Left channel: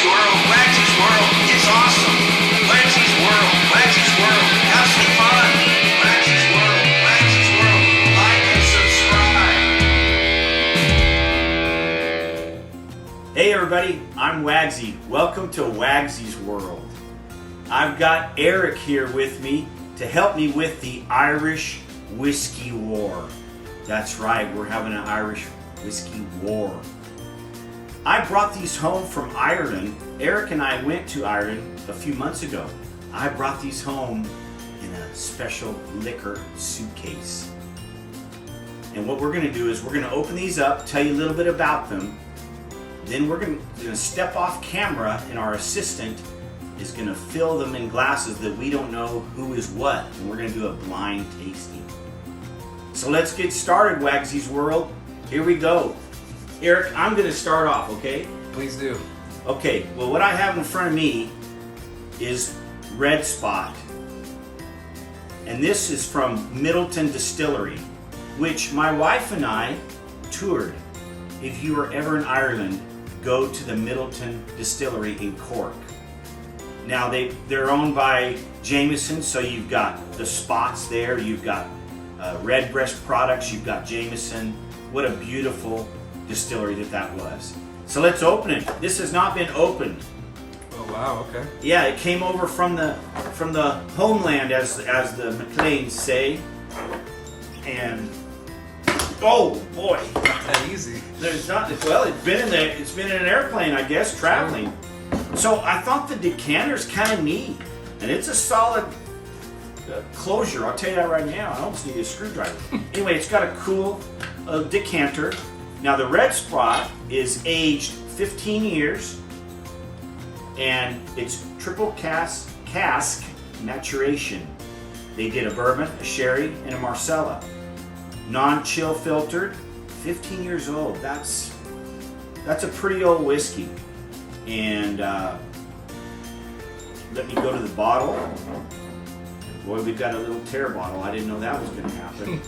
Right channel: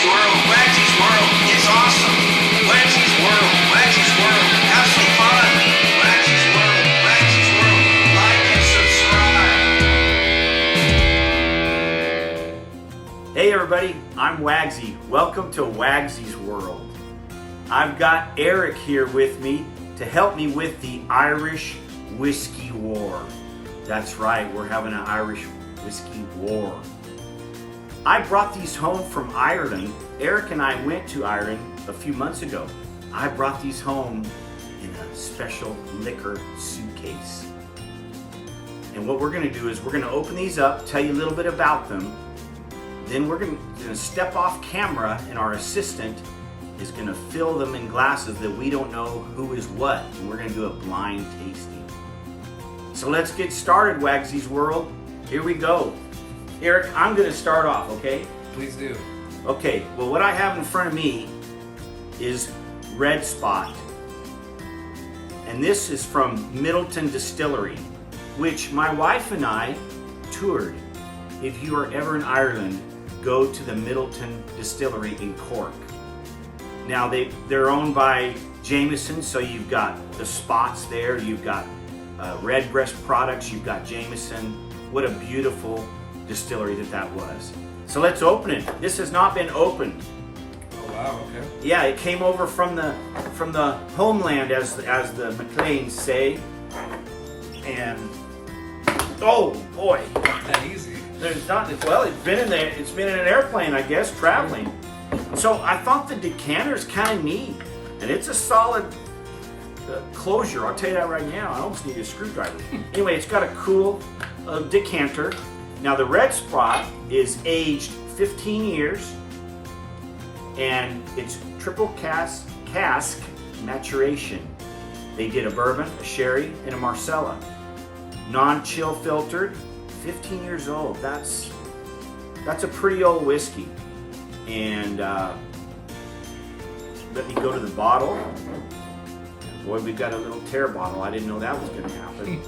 WAGSY'S World, WAGSY'S World, it's awesome. WAGSY'S World, WAGSY'S World, have some fun. WAGSY'S World, WAGSY'S World, like and subscribe. Hey everybody, I'm Wagsy. Welcome to WAGSY'S World. I've got Eric here with me to help me with the Irish Whiskey War. That's right, we're having an Irish Whiskey War. I brought these home from Ireland. Eric and I went to Ireland a few months ago. I brought these home in a special liquor suitcase. And what we're gonna do is we're gonna open these up, tell you a little bit about them. Then we're gonna step off camera and our assistant is gonna fill them in glasses that we don't know who is what. And we're gonna do a blind tasting. So let's get started, WAGSY'S World. Here we go. Eric, I'm gonna start off, okay? Please do. Okay, well what I have in front of me is Red Spot. And this is from Middleton Distillery, which my wife and I toured. If you are ever in Ireland, go to the Middleton Distillery in Cork. Now they're owned by Jameson, so you've got the Spots there, you've got Redbreast products, you've got Jameson. What a beautiful distillery that was. So let's open it. This has not been opened. Oh wow, okay. Yeah, it came over from the homeland, as the McLeans say. And oh boy, Not that easy. there's not. Well, it's been in an airplane, I guess, traveling. So I thought the decanter's kind of neat, and it's a solid closure. I'll tell you that right now. I almost need a screwdriver. Anyway, it's got a cool decanter. Now the Red Spot is aged 15 years, and it's triple cask maturation. They did a bourbon, a sherry, and a Marsala. Non-chill filtered, 15 years old. That's a pretty old whiskey. And let me go to the bottle. Boy, we've got a little tear bottle. I didn't know that was going to happen.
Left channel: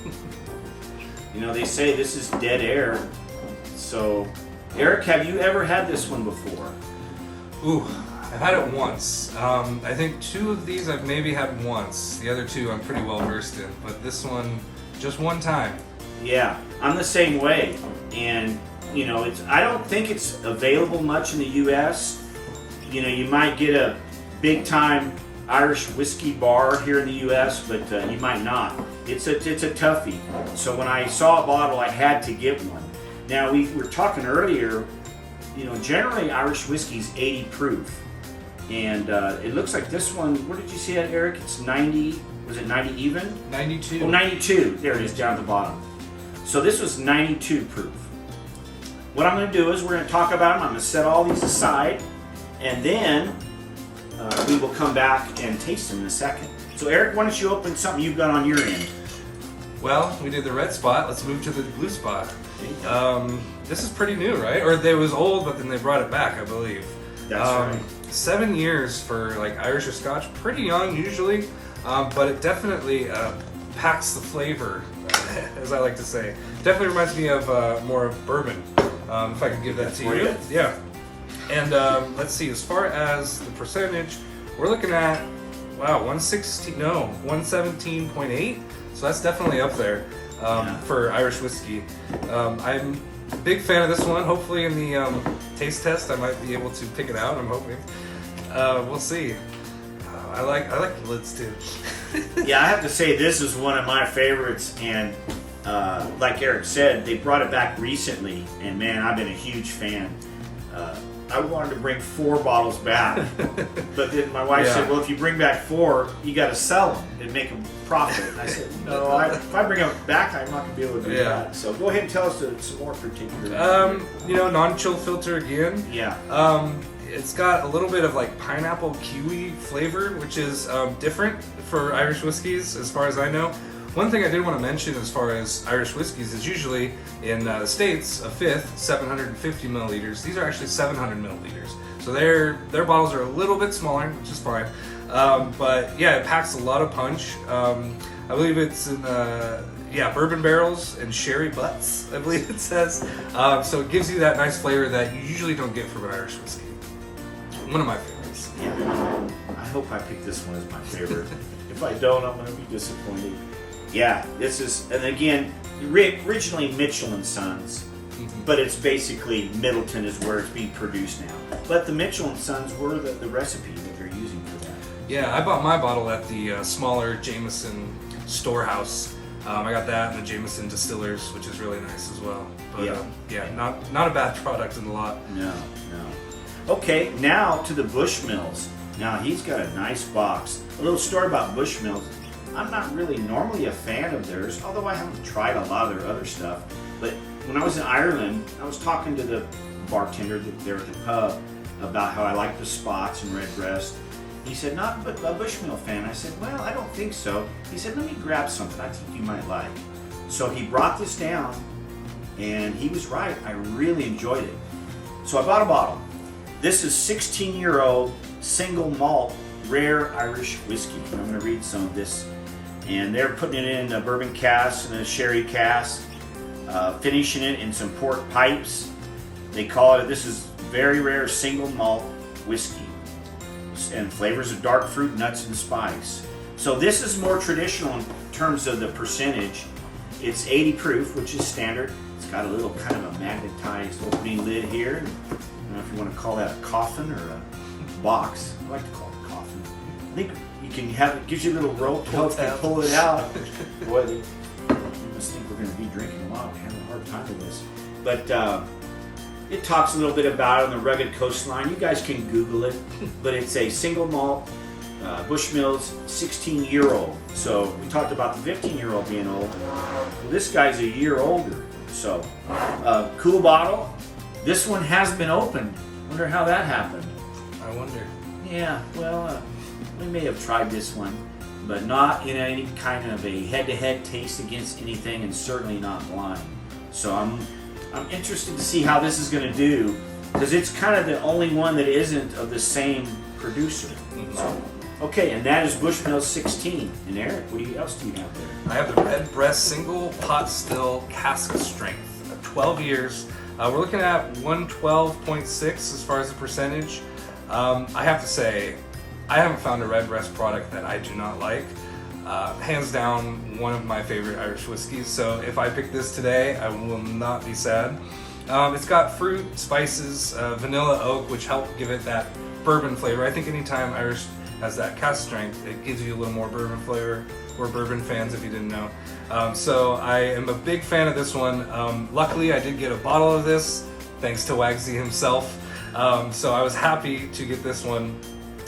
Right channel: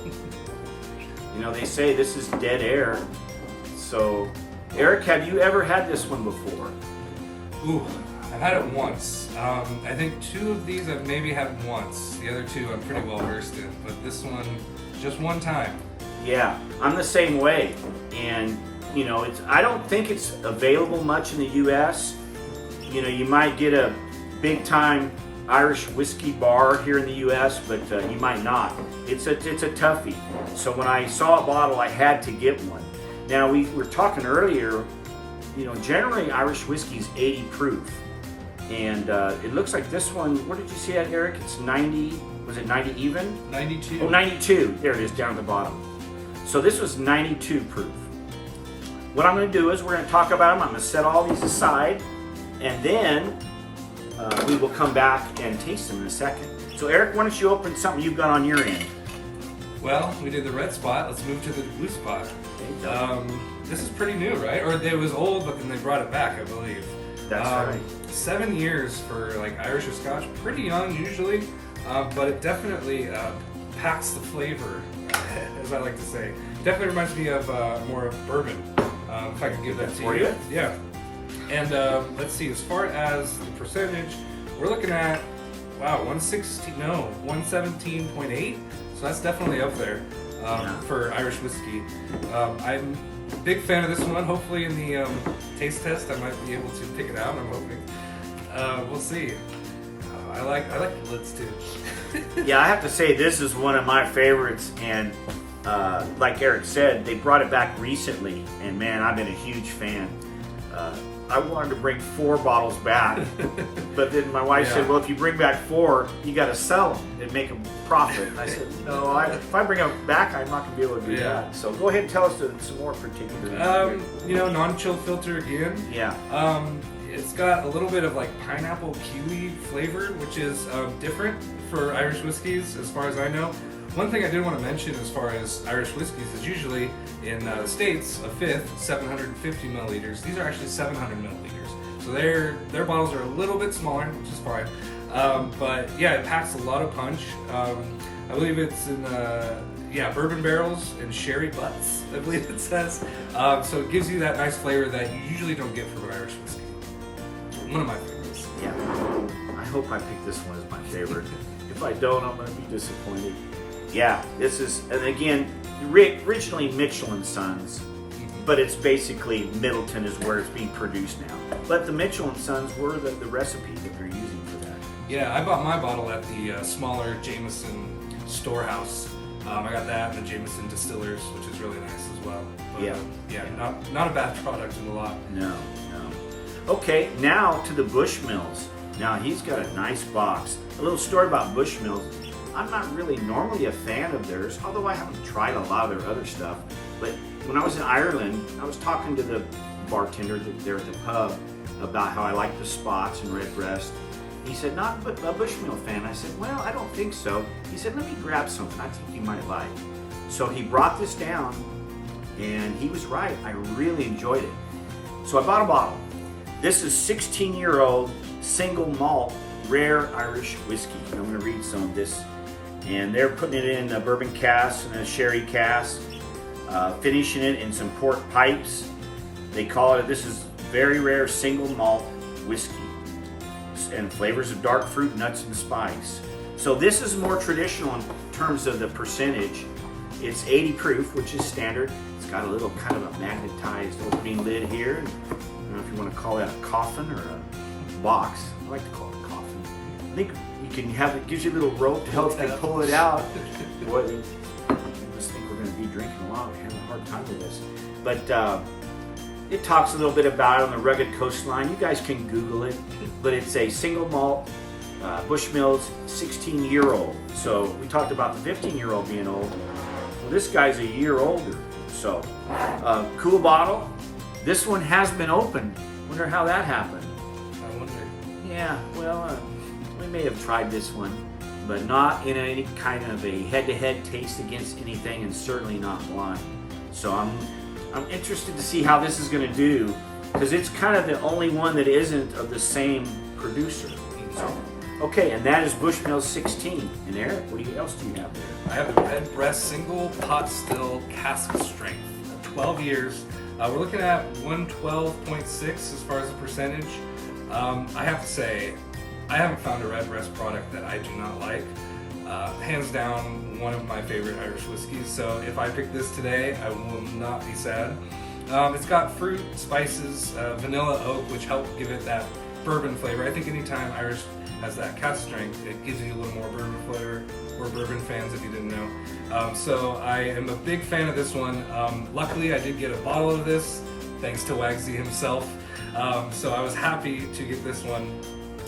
You know, they say this is dead air. So, Eric, have you ever had this one before? Ooh, I've had it once. I think two of these I've maybe had once. The other two I'm pretty well versed in, but this one just one time. Yeah, I'm the same way. And, you know, I don't think it's available much in the U.S. You know, you might get a big time Irish whiskey bar here in the U.S., but you might not. It's a toughie. So when I saw a bottle, I had to get one. Now we were talking earlier, you know, generally Irish whiskey is 80 proof, and it looks like this one. What did you see at, Eric? It's 90. Was it 90 even? 92. Oh, 92. There it is down at the bottom. So this was 92 proof. What I'm going to do is we're going to talk about them. I'm going to set all these aside, and then we will come back and taste them in a second. So Eric, why don't you open something you've got on your end? Well, we did the Red Spot. Let's move to the Blue Spot. This is pretty new, right? Or it was old, but then they brought it back, I believe. That's right. 7 years for like Irish or Scotch, pretty young usually, but it definitely packs the flavor, as I like to say. Definitely reminds me of more of bourbon. If I can give that to you. Yeah. And let's see, as far as the percentage, we're looking at 117.8. So that's definitely up there for Irish whiskey. I'm a big fan of this one. Hopefully in the taste test I might be able to pick it out, I'm hoping. We'll see. I like the lids too. Yeah, I have to say this is one of my favorites, and like Eric said, they brought it back recently, and man, I've been a huge fan. I wanted to bring 4 bottles back, but then my wife said, well, if you bring back 4, you got to sell them and make a profit. I said, no, if I bring them back, I'm not going to be able to do that. So go ahead and tell us some more particulars. You know, non-chill filter again. Yeah. It's got a little bit of like pineapple kiwi flavor, which is different for Irish whiskeys as far as I know. One thing I did want to mention as far as Irish whiskeys is usually in the States, a fifth, 750 milliliters. These are actually 700 milliliters. So their bottles are a little bit smaller, which is fine. But yeah, it packs a lot of punch. I believe it's in bourbon barrels and sherry butts, I believe it says. So it gives you that nice flavor that you usually don't get from an Irish whiskey. one of my favorites. Yeah. I hope I pick this one as my favorite. If I don't, I'm going to be disappointed. Yeah, this is, and again, originally Mitchell and Sons, but it's basically Middleton is where it's being produced now. But the Mitchell and Sons were the recipe that they're using for that. Yeah, I bought my bottle at the smaller Jameson storehouse. I got that and the Jameson Distillers, which is really nice as well. But, Yeah. not a bad product in the lot. No. Okay, now to the Bushmills. Now he's got a nice box. A little story about Bushmills. I'm not really normally a fan of theirs, although I haven't tried a lot of their other stuff. But when I was in Ireland, I was talking to the bartender there at the pub about how I like the Spots and Redbreast. He said, not a Bushmill fan. I said, well, I don't think so. He said, let me grab something I think you might like. So he brought this down, and he was right. I really enjoyed it. So I bought a bottle. This is 16-year-old single malt rare Irish whiskey. And I'm going to read some of this. And they're putting it in a bourbon cask and a sherry cask, finishing it in some port pipes. They call it, this is very rare single malt whiskey, and flavors of dark fruit, nuts, and spice. So this is more traditional in terms of the percentage. It's 80 proof, which is standard. It's got a little kind of a magnetized opening lid here. I don't know if you want to call that a coffin or a box. I like to call it a coffin. I think you can have it, gives you a little rope to help you pull it out. Boy, they must think we're going to be drinking a lot. We're having a hard time with this. But it talks a little bit about it on the rugged coastline. You guys can Google it. But it's a single malt Bushmills 16-year-old. So we talked about the 15-year-old being old. Well, this guy's a year older. So cool bottle. This one has been opened. Wonder how that happened. I wonder. Yeah, well, we may have tried this one, but not in any kind of a head-to-head taste against anything, and certainly not blind. So I'm interested to see how this is going to do, because it's kind of the only one that isn't of the same producer. So, okay, and that is Bushmills 16. And Eric, what else do you have there? I have the Redbreast single pot still cask strength, 12 years. We're looking at 112.6 as far as the percentage. I have to say, I haven't found a Redbreast product that I do not like. Hands down, one of my favorite Irish whiskeys. So if I pick this today, I will not be sad. It's got fruit, spices, vanilla, oak, which help give it that bourbon flavor. I think anytime Irish has that cask strength, it gives you a little more bourbon flavor. We're bourbon fans, if you didn't know. So I am a big fan of this one. Luckily, I did get a bottle of this, thanks to WAGSY himself. So I was happy to get this one,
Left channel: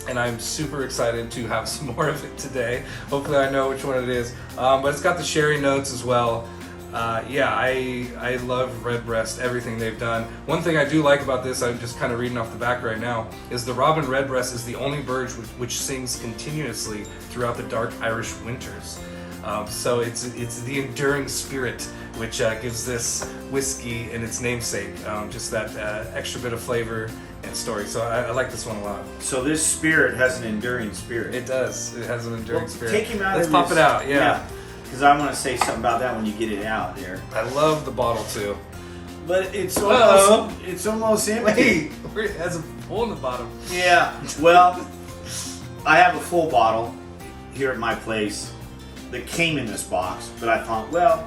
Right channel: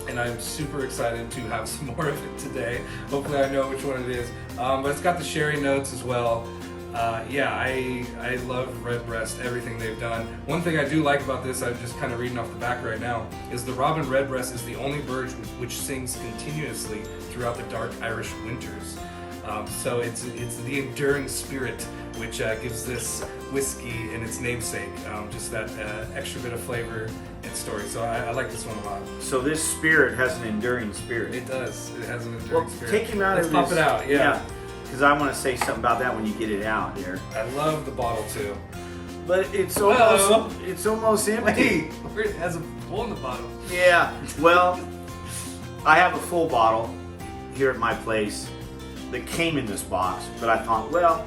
and I'm super excited to have some more of it today. Hopefully I know which one it is. But it's got the sherry notes as well. I love Redbreast, everything they've done. One thing I do like about this, I'm just kind of reading off the back right now, is the Robin Redbreast is the only bird which sings continuously throughout the dark Irish winters. So it's the enduring spirit which gives this whiskey and its namesake just that extra bit of flavor and story. So I like this one a lot. So this spirit has an enduring spirit. It does. It has an enduring spirit. Take him out Let's of pop this. it out. Yeah. Because I want to say something about that when you get it out there. I love the bottle too. But it's almost empty. Wait, it has a hole in the bottom. Yeah. Well, I have a full bottle here at my place that came in this box, but I thought, well,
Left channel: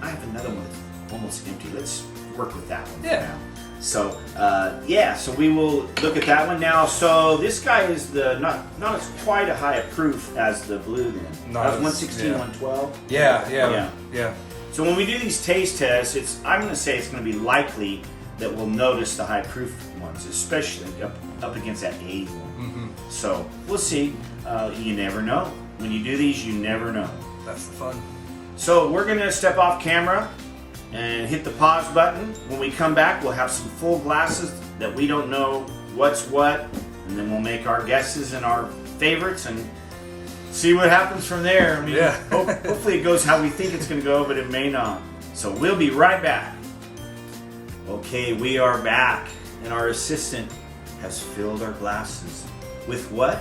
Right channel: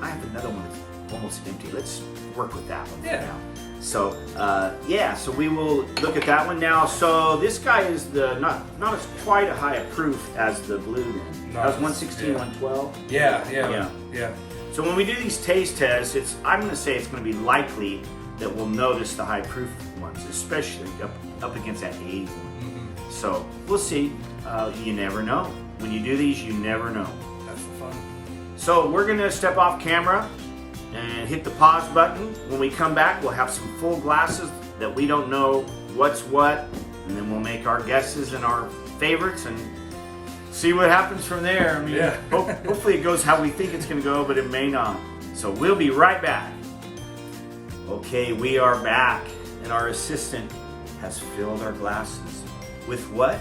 I have another one that's almost empty. Let's work with that one for now. So, so we will look at that one now. So this guy is not as quite a high a proof as the blue then. That was 116, 112? Yeah. So when we do these taste tests, I'm going to say it's going to be likely that we'll notice the high proof ones, especially up against that 80 one. Mm-hmm. So we'll see. You never know. When you do these, you never know. That's the fun. So we're going to step off camera and hit the pause button. When we come back, we'll have some full glasses that we don't know what's what, and then we'll make our guesses and our favorites and see what happens from there. I mean, hopefully it goes how we think it's going to go, but it may not. So we'll be right back. Okay, we are back, and our assistant has filled our glasses with what?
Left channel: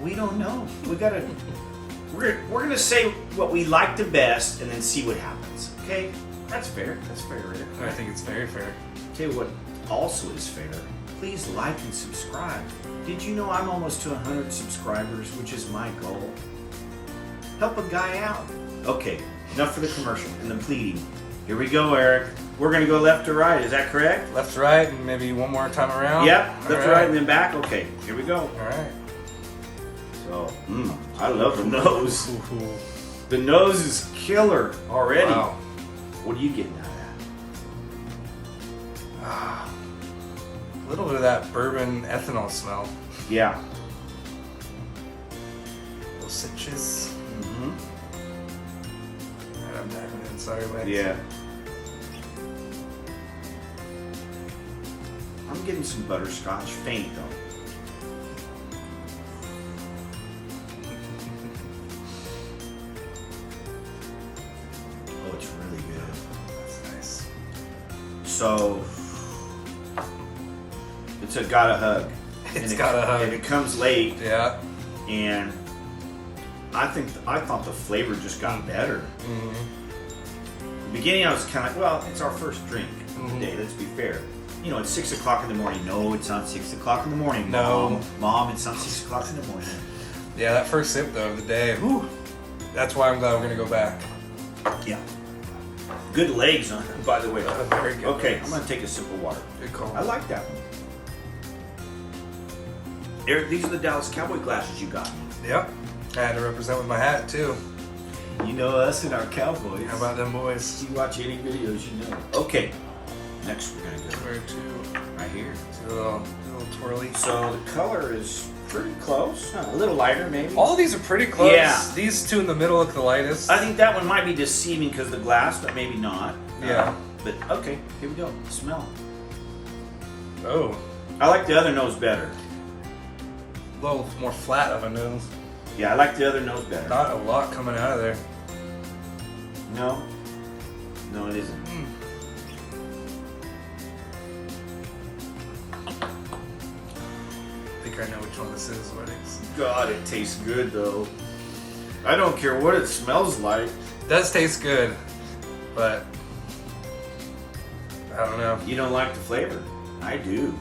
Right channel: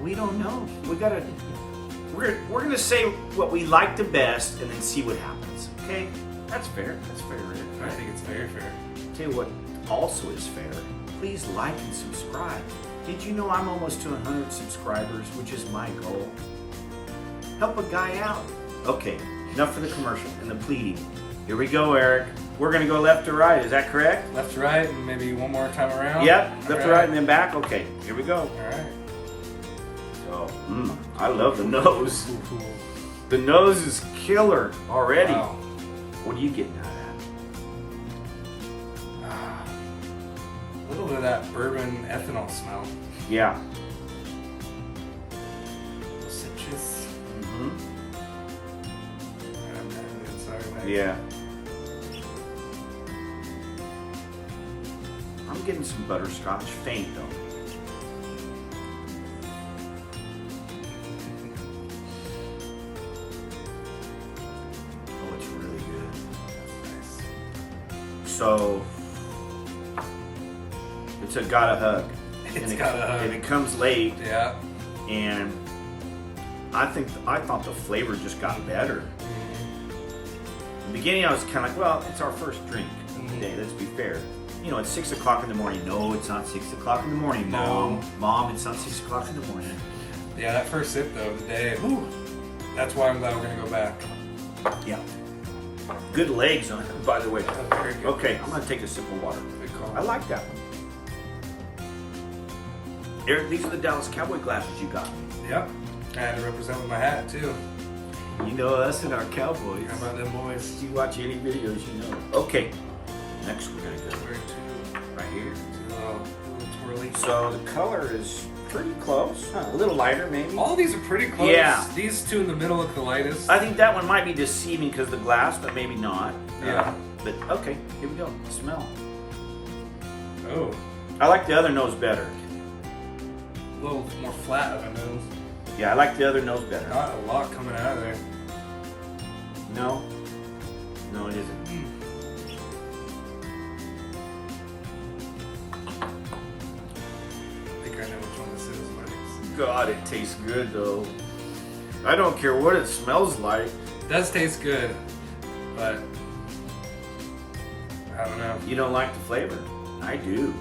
We don't know. We're going to say what we like the best and then see what happens. Okay? That's fair. That's fair, Rick. I think it's very fair. Tell you what also is fair. please like and subscribe. Did you know I'm almost to 100 subscribers, which is my goal? Help a guy out. Okay, enough for the commercial and the pleading. Here we go, Eric. We're gonna go left to right, is that correct? Left to right, and maybe one more time around. Yep, left to right and then back. Okay, here we go. All right. So, I love the nose. The nose is killer already. Wow. What are you getting out of A little bit of that bourbon ethanol smell. that? Yeah. A little citrus. Mm-hmm. Sorry, Max. Yeah. I'm getting some butterscotch, faint though. Oh, it's really good. That's nice. So, it's a gotta hug. It's gotta hug. And it comes late, Yeah. and I thought the flavor just got better. The beginning, I was kind of like, well, it's our first drink of the day. Let's be fair. You know, it's 6 o'clock in the morning. No, it's not 6 o'clock in the morning, Mom. No. Mom, it's not 6 o'clock in the morning. Yeah, that first sip though of the day. Whew, that's why I'm glad we're gonna go back. Yeah. Good legs on it, by the way. Very good. Okay, I'm gonna take a sip of water. Good call. I like that one. Eric, these are the Dallas Cowboy glasses you got. Yep. I had to represent with my hat too. You know us and our Cowboys. How about them boys? If you watch any videos, you know. Okay, next we're gonna go Where to? right here. A little twirly. So the color is pretty close. A little lighter, maybe. All of these are pretty close. Yeah. These two in the middle look the lightest. I think that one might be deceiving because of the glass, but maybe not. Yeah. But okay, here we go. Smell. Oh, I like the other nose better. a little more flat of a nose. Yeah, I like the other nose better. Not a lot coming out of there. No. No, it isn't. I think I know which one this is. What it is. God, it tastes good though. I don't care what it smells like. It does taste good, but I don't know. You don't like the flavor? I do.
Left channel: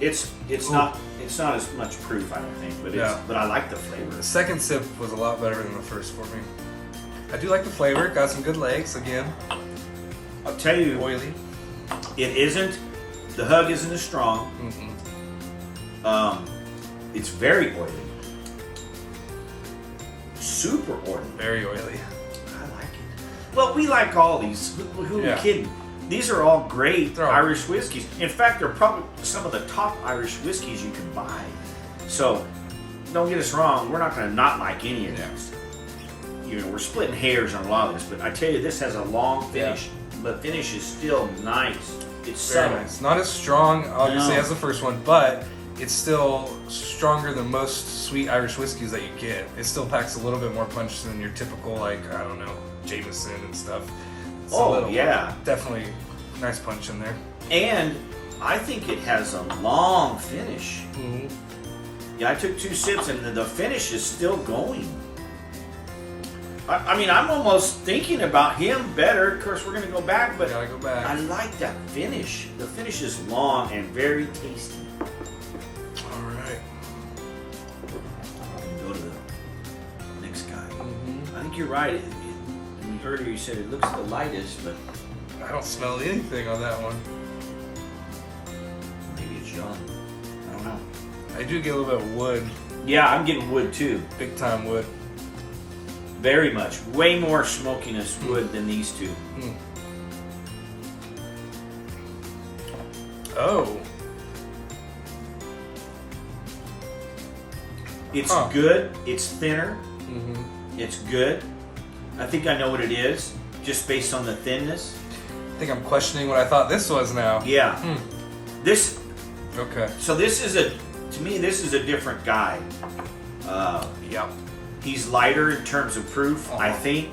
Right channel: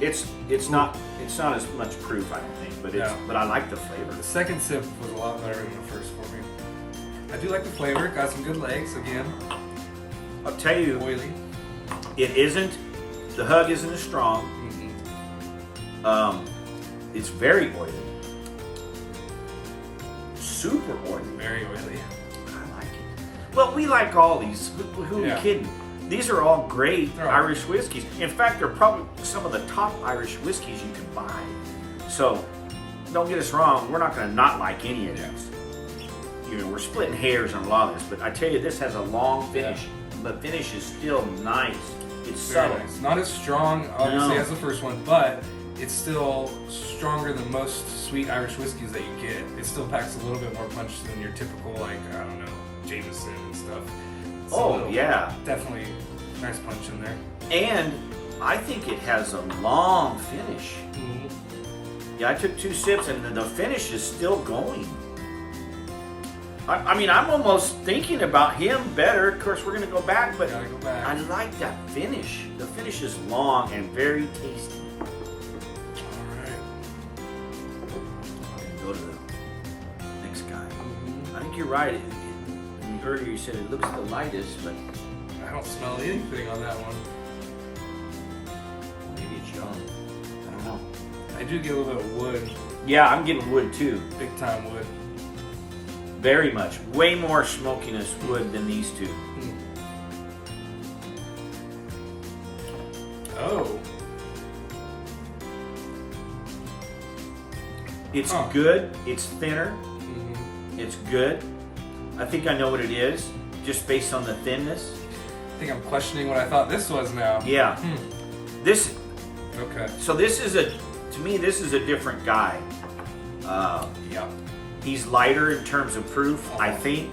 It's not as much proof, I don't think, but Yeah. but I like the flavor. The second sip was a lot better than the first for me. I do like the flavor. Got some good legs again. I'll tell you, Oily. it isn't. The hug isn't as strong. It's very oily. Super oily. Very oily. I like it. Well, we like all these. Who are Yeah. we kidding? These are all great They're all Irish whiskeys. In fact, they're probably some of the top Irish whiskeys you can buy. So, don't get us wrong. We're not going to not like any of these. You know, we're splitting hairs on a lot of this, but I tell you, this has a long finish. The finish is still nice. It's Very subtle. nice. Not as strong, obviously, No. as the first one, but it's still stronger than most sweet Irish whiskeys that you get. It still packs a little bit more punch than your typical, like, I don't know, Jameson and stuff. It's a Oh, little- yeah. Definitely nice punch in there. And I think it has a long finish. Yeah, I took 2 sips and the finish is still going. I mean, I'm almost thinking about him better. Of course, we're going to go back, but Gotta go back. I like that finish. The finish is long and very tasty. Alright. I'm going to go to the next guy. I think you're right. Earlier you said it looks the lightest, but I don't smell anything on that one. maybe it's young. I don't know. I do get a little bit of wood, Yeah, I'm getting wood too. big time wood. Very much. Way more smokiness wood than these two. Oh. It's Huh. good. It's thinner. It's good. I think I know what it is, just based on the thinness. I think I'm questioning what I thought this was now. Yeah. This. Okay. So this is to me, this is a different guy. Yeah. He's lighter in terms of proof, I Uh-huh. think,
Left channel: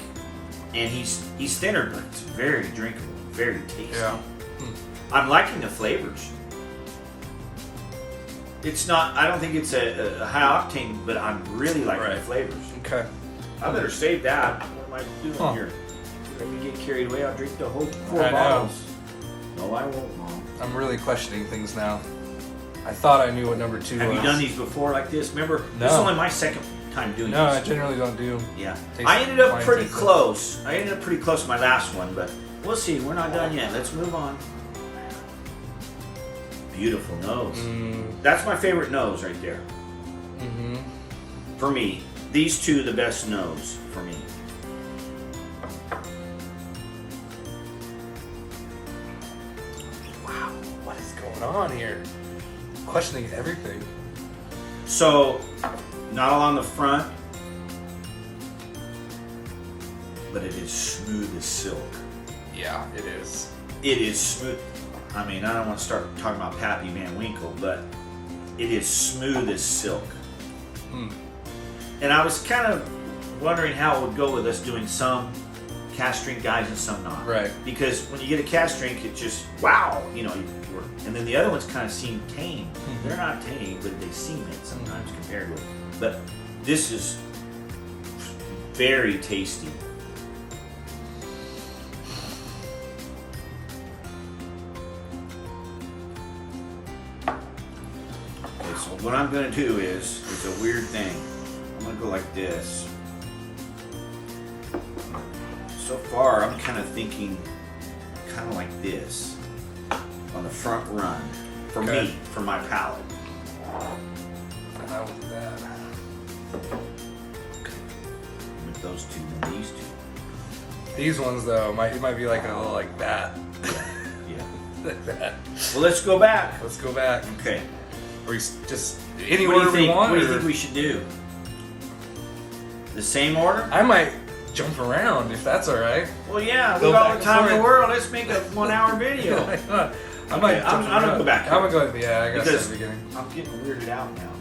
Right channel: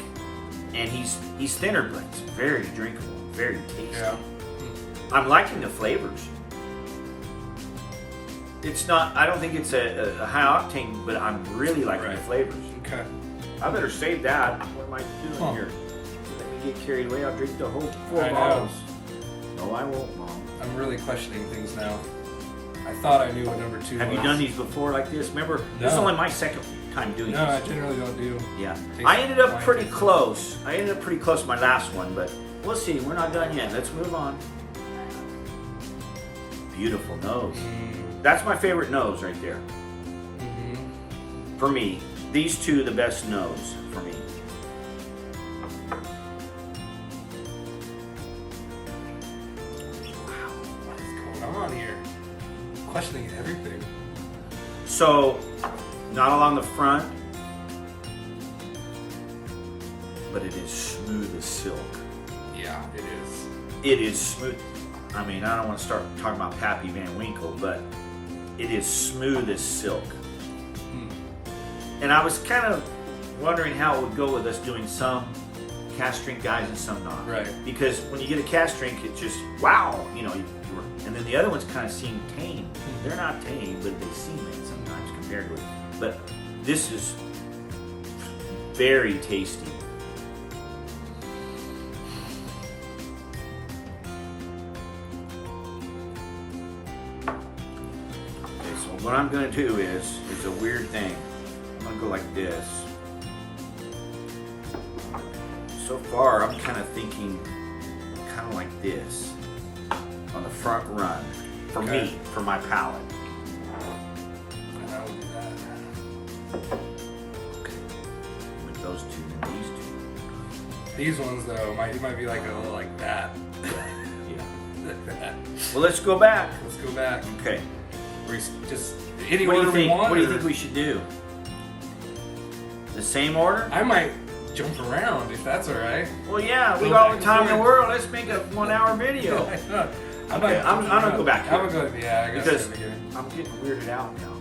and he's thinner, but it's very drinkable, very tasty. Yeah. I'm liking the flavors. It's not. I don't think it's a high octane, but I'm really liking the Right. flavors. Okay. I better save that. What am I doing here? Let me get carried away. I'll drink the whole 4 I know. bottles. No, I won't, Mom. I'm really questioning things now. I thought I knew what number 2 was. Have you done these before like this? Remember, this is only my second time doing No, this. I generally don't do. Yeah. Taste- I ended up wine pretty tasting. close. I ended up pretty close to my last one, but we'll see. We're not done yet. Let's move on. Beautiful nose. That's my favorite nose right there. For me. These two, the best nose for me. Wow, what is going on here? Questioning everything. So, not along the front, but it is smooth as silk. Yeah, it is. It is smooth. I mean, I don't want to start talking about Pappy Van Winkle, but it is smooth as silk. And I was kind of wondering how it would go with us doing some cast drink guys and some not. Right. Because when you get a cast drink, it just, wow, you know, and then the other ones kind of seem tame. They're not tame, but they seem it sometimes compared with. But this is very tasty. Okay, so what I'm going to do is a weird thing. I'm going to go like this. So far, I'm kind of thinking kind of like this on the front run for me, for my palate. And I will do that. Okay. With those two, then these two. These ones though, it might be like a little like that. Yeah. Like that. Well, let's go back. Let's go back. Okay. Or just any What do order you think? we want. What do you or- think we should do? The same order? I might jump around if that's all right. Well, yeah, we Go got all back the time in and the forth. world. Let's make a 1 hour video. I'm gonna go back here. I'm gonna go. Yeah, I guess Because at the beginning. I'm getting weirded out now.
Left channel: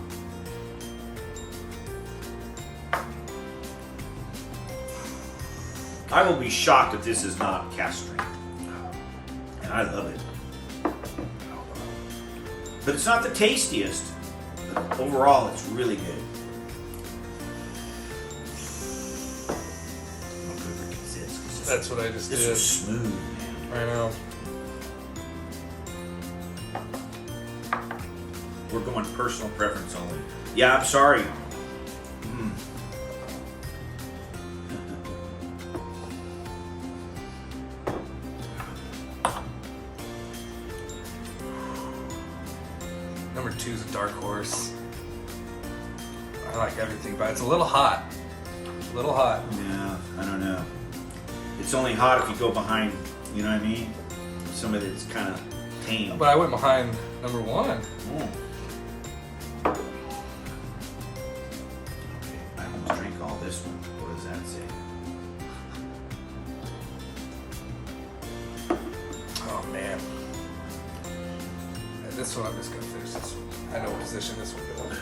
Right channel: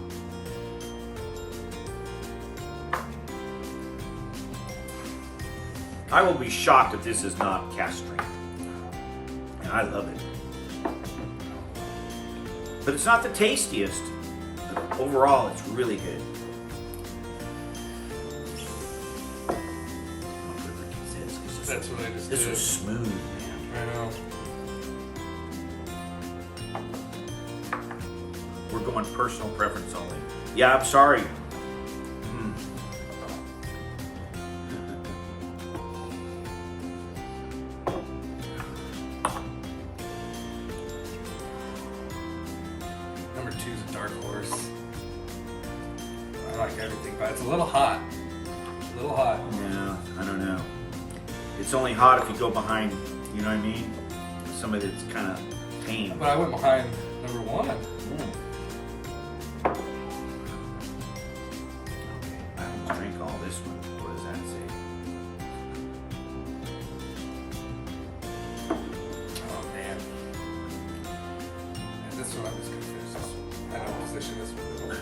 I will be shocked if this is not cast strength. And I love it. But it's not the tastiest. But overall, it's really good. I'm gonna put it like this, 'cause That's what I just this did. was smooth, man. I know. We're going personal preference only. Yeah, I'm sorry. Number 2 is a dark horse. I like everything, but it's a little hot. A little hot. Yeah, I don't know. It's only hot if you go behind, you know what I mean? Somebody that's kind of tame. But I went behind number 1. Mm. Okay, I almost drank all this one. What does that say? Oh man. And this one, I'm just gonna finish this one. I know what position this one goes.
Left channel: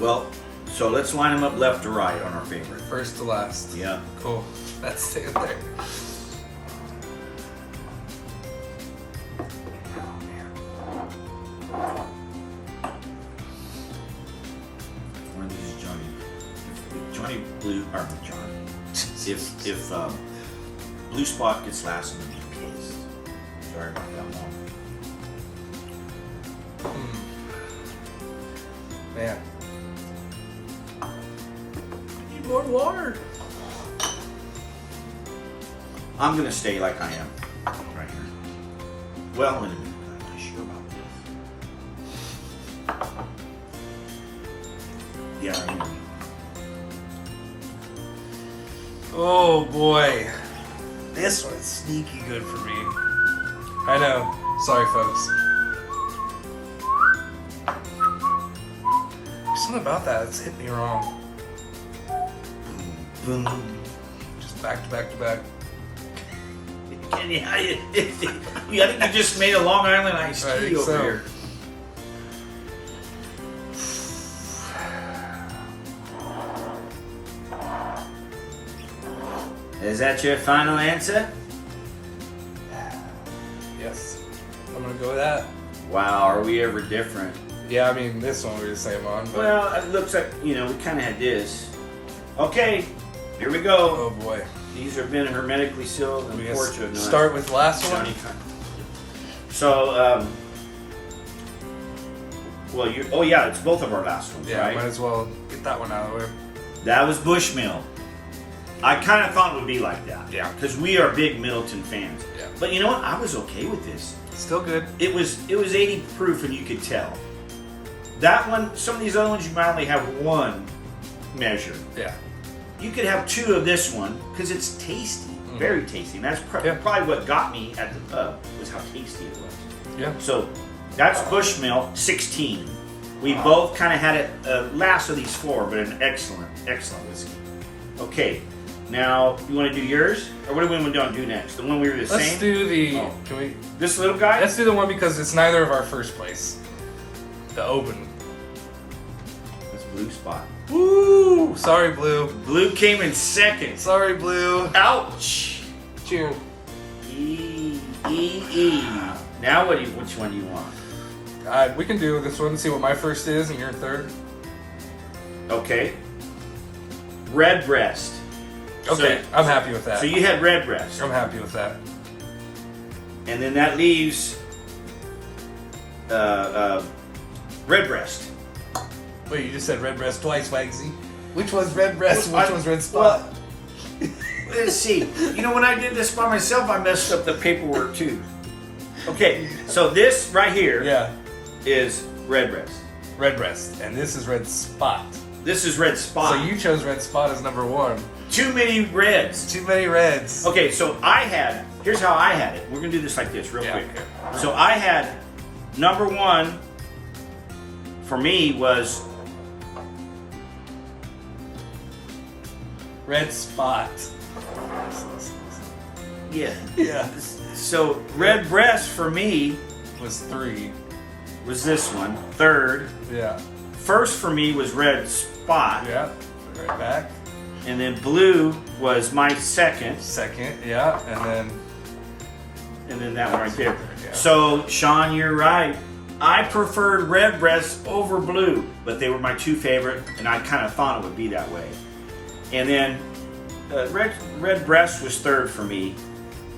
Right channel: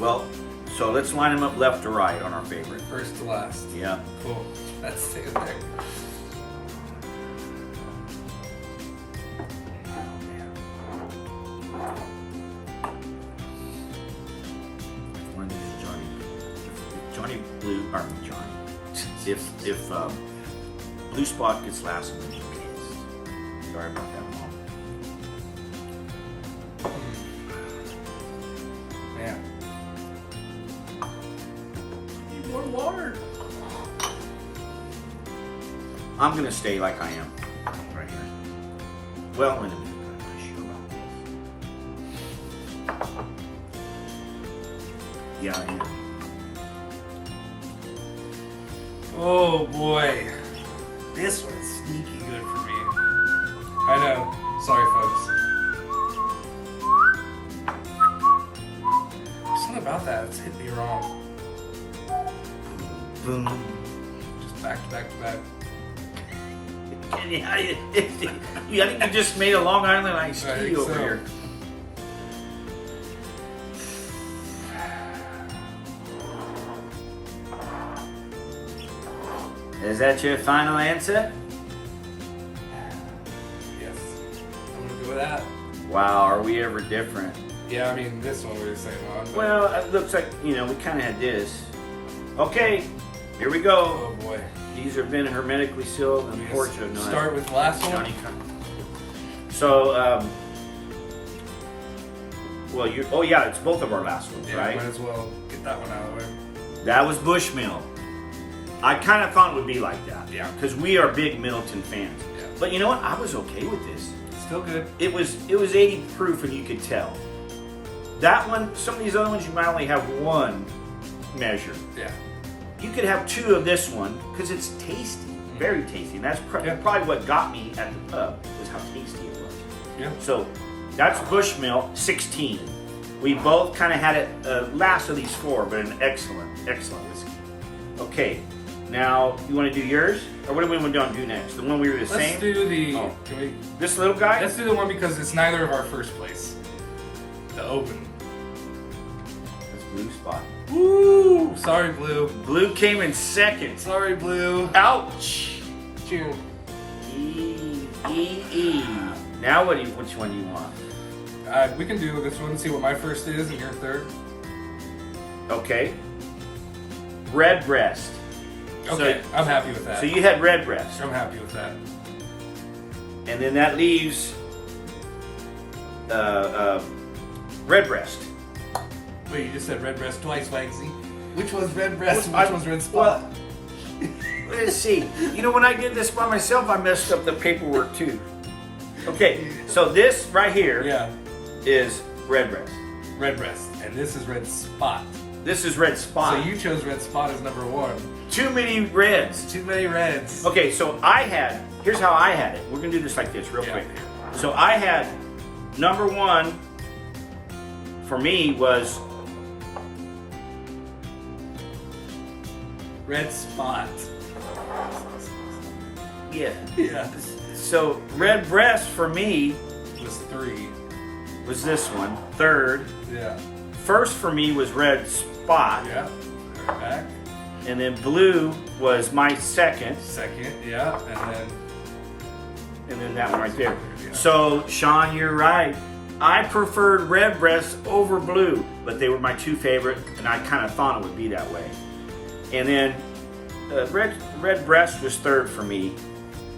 Well, so let's line them up left to right on our favorite. First to last. Yeah. Cool. That's staying there. One of these is Johnny. If Johnny Blue, or Johnny. If Blue Spot gets last, I'm gonna be pissed. Sorry about that one. Man. Need more water. I'm gonna stay like I am, right here. Well, in a minute, but I'm not sure about this. Yeah, I am. Oh boy. This one's sneaky good for me. I know. Sorry, folks. Something about that, it's hit me wrong. Boom. Just back to back to back. Yeah, I think you just made a Long Island iced I tea think over so. here. Is that your final answer? Yes. I'm gonna go with that. Wow, are we ever different? Yeah, I mean, this one we were the same on. But... Well, it looks like, we kind of had this. Okay, here we go. Oh boy. These have been hermetically sealed. We Unfortunately, start with last one. So, well, you. Oh yeah, it's both of our last ones, Yeah, right? might as well get that one out of there. That was Bushmill. I kind of thought it would be like that. Yeah. Because we are big Middleton fans. Yeah. But you know what? I was okay with this. Still good. It was 80 proof, and you could tell. That one, some of these other ones, you might only have one measure. Yeah. You could have two of this one because it's tasty, very tasty. And that's probably what got me at the pub was how tasty it was. Yeah. So that's Bushmill 16. We both kind of had it last of these four, but an excellent whiskey. Okay, now you want to do yours, or what do we want to do next? The one we were the same. Let's do the. Oh. Can we? This little guy. Let's do the one because it's neither of our first place. The open. That's Blue Spot. Woo! Sorry, Blue. Blue came in second. Sorry, Blue. Ouch. Cheers. E. Now which one do you want? We can do this one. See what my first is and your third. Okay. Red Breast. Okay, I'm happy with that. So you had Red Breast. I'm happy with that. And then that leaves Red Breast. Wait, you just said Red Breast twice, Wagsy. Which one's Red Breast and Well, which one's Red Spot? Let's see. You know, when I did this by myself, I messed up the paperwork too. Okay, so this right here is Red Breast. Red Breast. And this is Red Spot. This is Red Spot. So you chose Red Spot as number one. Too many reds. Too many reds. Okay, so here's how I had it. We're going to do this like this real quick. So I had number one for me was Red Spot. Yeah. So Red Breast for me Was 3. was this one. Third. Yeah. First for me was Red Spot. Yeah. Right back. And then Blue was my second. Second. Yeah. And then that one right there. Yeah. So Sean, you're right. I preferred Red Breast over Blue, but they were my two favorite, and I kind of thought it would be that way. And then Red Breast was third for me.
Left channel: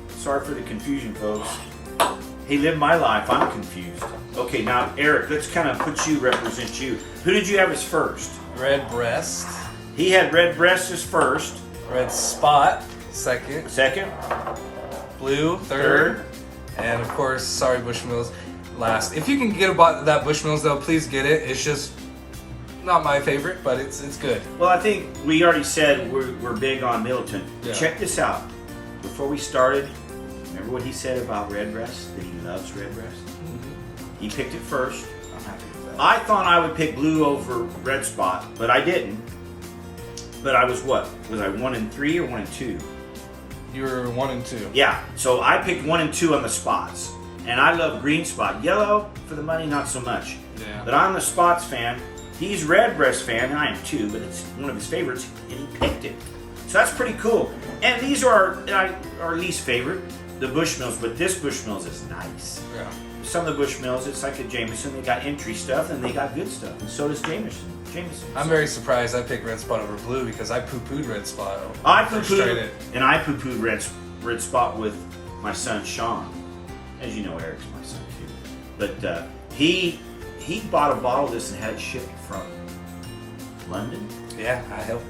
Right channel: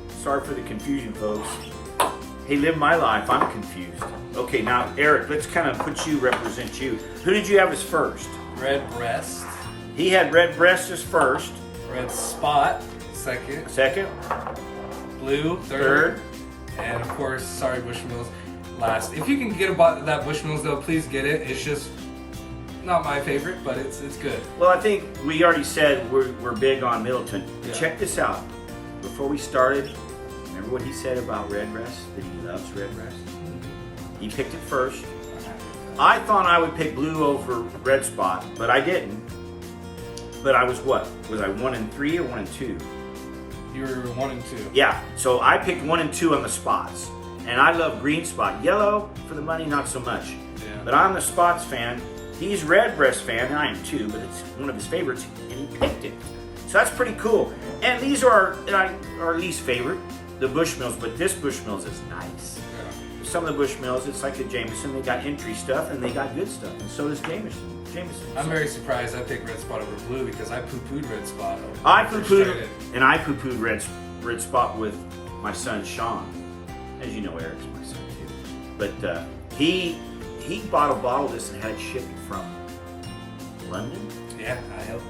Sorry for the confusion, folks. Hey, live my life. I'm confused. Okay, now Eric, let's kind of represent you. Who did you have as first? Red Breast. He had Red Breast as first. Red Spot. Second. Second. Blue. Third. And of course, sorry, Bushmills. Last. If you can get that Bushmills though, please get it. It's just not my favorite, but it's good. Well, I think we already said we're big on Middleton. Yeah. Check this out. Before we started, remember what he said about Red Breast? That he loves Red Breast? Mm-hmm. He picked it first. I thought I would pick Blue over Red Spot, but I didn't. But I was what? Was I 1 and 3 or 1 and 2? You were 1 and 2. Yeah, so I picked 1 and 2 on the spots. And I love Green Spot. Yellow, for the money, not so much. Yeah. But I'm the spots fan. He's Red Breast fan, and I am too, but it's one of his favorites, and he picked it. So that's pretty cool. And these are our least favorite, the Bushmills, but this Bushmills is nice. Yeah. Some of the Bushmills, it's like a Jameson. They got entry stuff, and they got good stuff, and so does Jameson. I'm very surprised I picked Red Spot over Blue because I poo-pooed Red Spot. I poo-pooed Red Spot with my son Sean. As you know, Eric's my son too. But he bought a bottle of this and had it shipped from London. Yeah, I helped.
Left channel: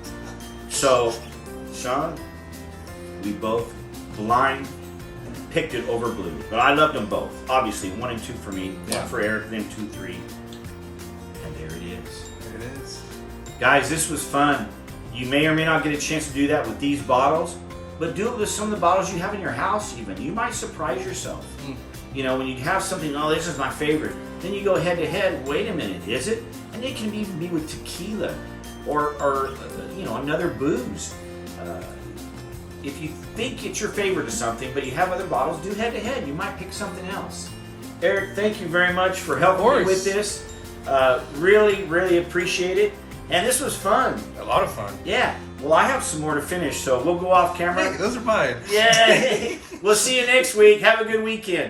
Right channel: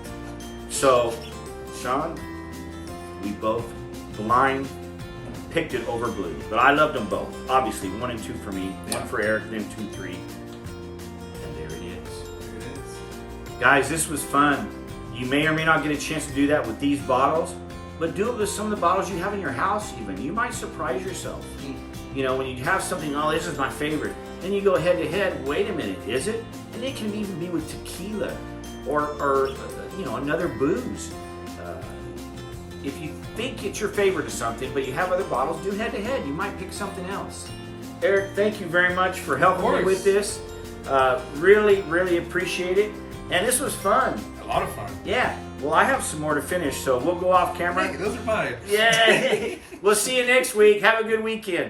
So, Sean, we both blind picked it over Blue. But I loved them both. Obviously, 1 and 2 for me, 1 for Eric, then 2, 3. And there it is. There it is. Guys, this was fun. You may or may not get a chance to do that with these bottles, but do it with some of the bottles you have in your house even. You might surprise yourself. You know, when you have something, oh, this is my favorite. Then you go head to head, wait a minute, is it? And it can even be with tequila or you know, another booze. If you think it's your favorite of something, but you have other bottles, do head to head. You might pick something else. Eric, thank you very much for helping me with this. Really, really appreciate it. And this was fun. A lot of fun. Yeah. Well, I have some more to finish, so we'll go off camera. Hey, those are mine. Yeah. We'll see you next week. Have a good weekend.